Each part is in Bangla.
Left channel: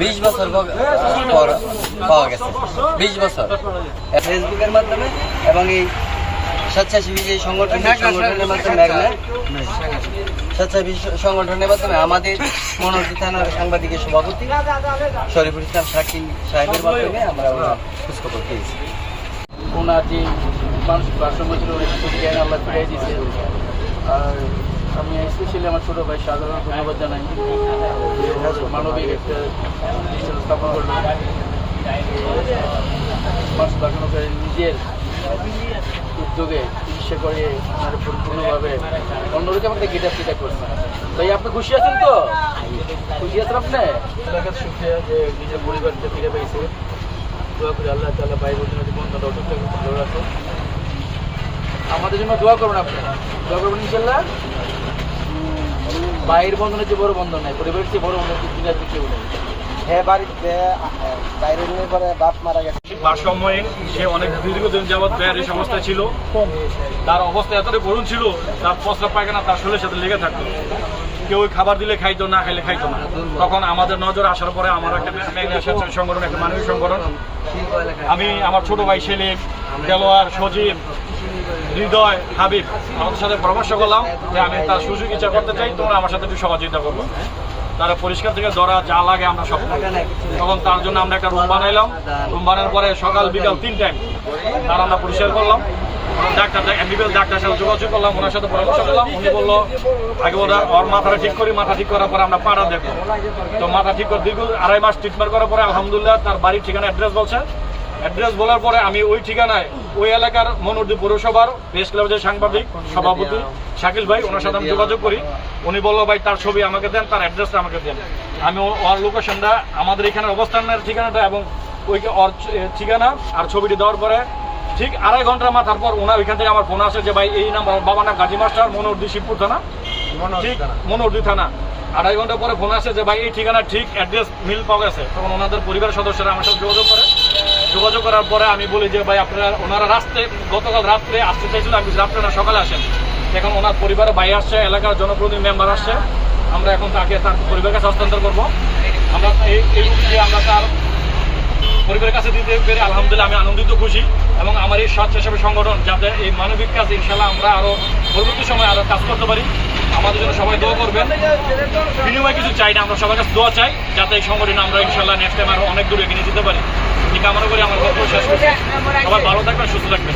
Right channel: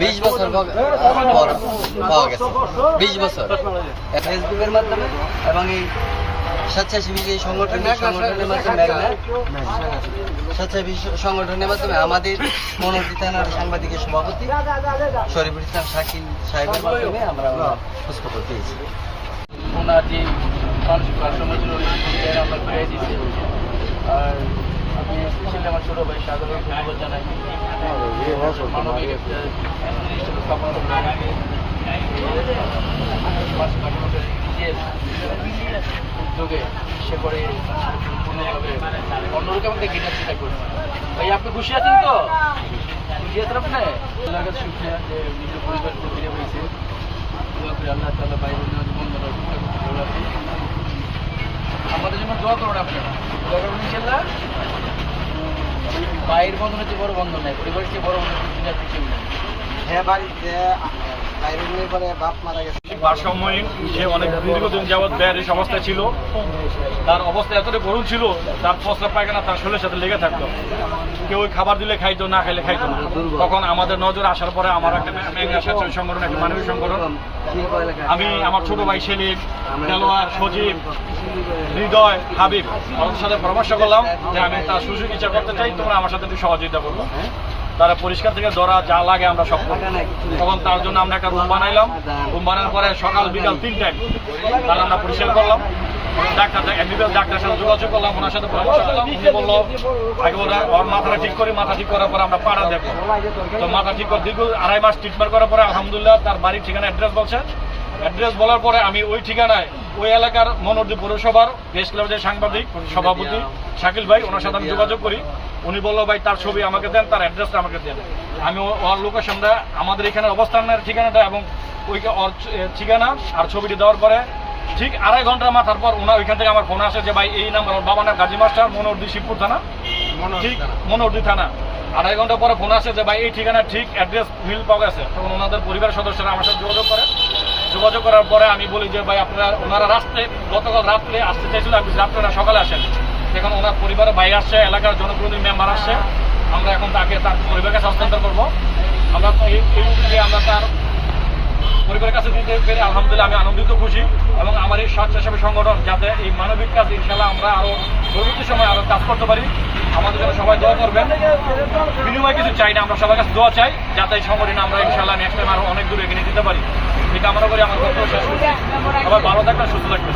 বিশ বছর পর পাওয়া গেছে। বিশ বছর। ফেসবুকের মাধ্যমে এবং এই স্বেচ্ছাসেবী সংগঠন সংগঠনের মাধ্যমে স্বেচ্ছাসেবী সংগঠনের মাধ্যমে আমাদের মনোরী থানার সাংবাদিকের সভাপতি শরীফুল ইসলাম শাকিল সাহেবের মাধ্যমে আমরা ওনার খোঁজখবর পেয়েছি। ওনার যে মানসিক ভারসাম্য ছিল সুবিধায় আমরা ফিরিয়ে দিচ্ছি আর আমি স্পেশালি আমার ছোটো ভাই সাধারণ ধন্যবাদ জানাই। মানবিক একটা স্থাপন করল মানসিক ভারসাম্যকে নিজের উদ্যোগে সে করে আর পরিপূর্ণভাবে অন্যরকম একটা গিটার সেটা করছে ভাই, আপনি খুশি আছেন তো? খুশি আছেন আপনি? কাছে সুখিয়া যে নিজের পরিবারকে ফিরে পেয়েছে দোয়া করি আল্লাহ তাআলা ভাই বোনের জীবন অসুস্থ ভালো রাখে আমাদের জন্য দোয়া করুন আপনি। দোয়া করবেন ইনশাল্লাহ বাইরের বন্ধনের চেয়ে বড় বন্ধন নাই, পরিবারের চেয়ে বড় বন্ধন দুনিয়াতে কেউ নেই। হ্যাঁ ছিল। তার অবস্থা এতটাই করুণ ছিল, তার প্রস্রাব পায়খানা তার শরীরের সাথে লেগে থাকতো। কেউ খাবার দিলে খাইতো না, খাইলে খাইতো না। তখন আমাদের নজর আসার পরে আমার একটা সংগঠন, একটা মানবিক সংগঠন। আমি, আমার ছোট ভাই সেলিম, দেলোয়ার, সজীব, হৃদয়, হাবিব আমাদের সাথে পরামর্শ করলাম যে আমি তার সুযোগ ইচ্ছা করতে চাই, তোমরা আমার সাথে একটু সহযোগিতা করব তারা পরিষ্কার থেকে ধরা যা লাগে আমরা সব তখন তার জন্য আমরা একটা রুম বানাইলাম। রুম বানানোর পরে সকাল, বিকাল তিন টাইম তার আমরা পরিষ্কার করলাম। ডাক্তার এমবিবিএস ডাক্তার সাথে যোগাযোগ করলাম, ওনার সাথে পরামর্শ করলাম। উনি বলল, আগে ওরা ওর মাথাটা ঠিক করি, মাথা ঠিক করার পরে আমরা পাড়া দেখব। তো মাথা ঠিক করে দীর্ঘ আড়াই মাস ট্রিটমেন্ট করার পরে আলহামদুলিল্লাহ তার বাড়ির ঠিকানা অ্যাড্রেস বলছে। অ্যাড্রেস বলার পরে আমি ওই ঠিকানায় ওই এলাকার মনোরদী পৌরসভার প্রেস ক্লাবের সাংবাদিক সভাপতি শাকিল ভাই ওনার সাথে আমি যোগাযোগ করি। উনি বলল ভাই তার ছবি আমাকে দেন তার অ্যাড্রেসটা আমাকে দেন। আমি ওর লোকেশনটা আমাদের এখানে অবস্থানের ঠিকানাটা এবং ওই ওর ঠিকানা আর ছবিটি দেওয়ার পরে ঠিক আড়াই ঘণ্টার মাথার পর ওনার ওইখান থেকে আমার ফোন আসে যে ভাই এই নাম্বার বাবার নাম গাজী মাস্টার মনোরদী শিবপুর থানা। ঠিক মনোরদী থানা। আড়াই ঘণ্টা পরে ফোন আসে যে ভাই এই ঠিকানা ঠিক অ্যাড্রেস মিল পাওয়া গেছে। তখন ওনাদের পরিবারের সদস্যরা আমার সাথে যোগাযোগ করে। যোগাযোগ করার পরে আমি বলি যে, ভাই, আপনারা, ওনারা রাত্রে গতকাল রাত্রে আসতে চাইছিল, আমি আপনারা সকালে আসেন। এখন ওনার পরিবারে ভাই আসছে, এলাকার জনপ্রতিনিধি মেম্বার আসছে। আমরা এখন তাকে তার পরিবারকে হস্তান্তর করব। আমরা এই এই যে আমরা তার পরিবারের কাছে দিতে পেরে আলহামদুলিল্লাহ আমি আনন্দিত, খুশি এবং আমার এই স্বেচ্ছাসেবী সংগঠন যাতে এই মানবিক কাজ ইনশাল্লাহ আমরা আরও পরবর্তী সময় আরও কাজ করতে পারি। আমাদের জন্য সবাই দোয়া করবেন। বিনিময় কিছু চাই না, আমরা সবার কাছে দোয়া চাই যাতে এই সংগঠনে আমরা ইনশাল্লাহ নেক্সট টাইম আরও অনেক দূর এগিয়ে যেতে পারি। এই কামনা করি আমার বক্তব্য শেষ করছি। সবাই ভালো থাকবেন, সুস্থ থাকবেন।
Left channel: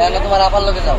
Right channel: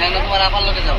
কেন তোমার আপার লোকে যাও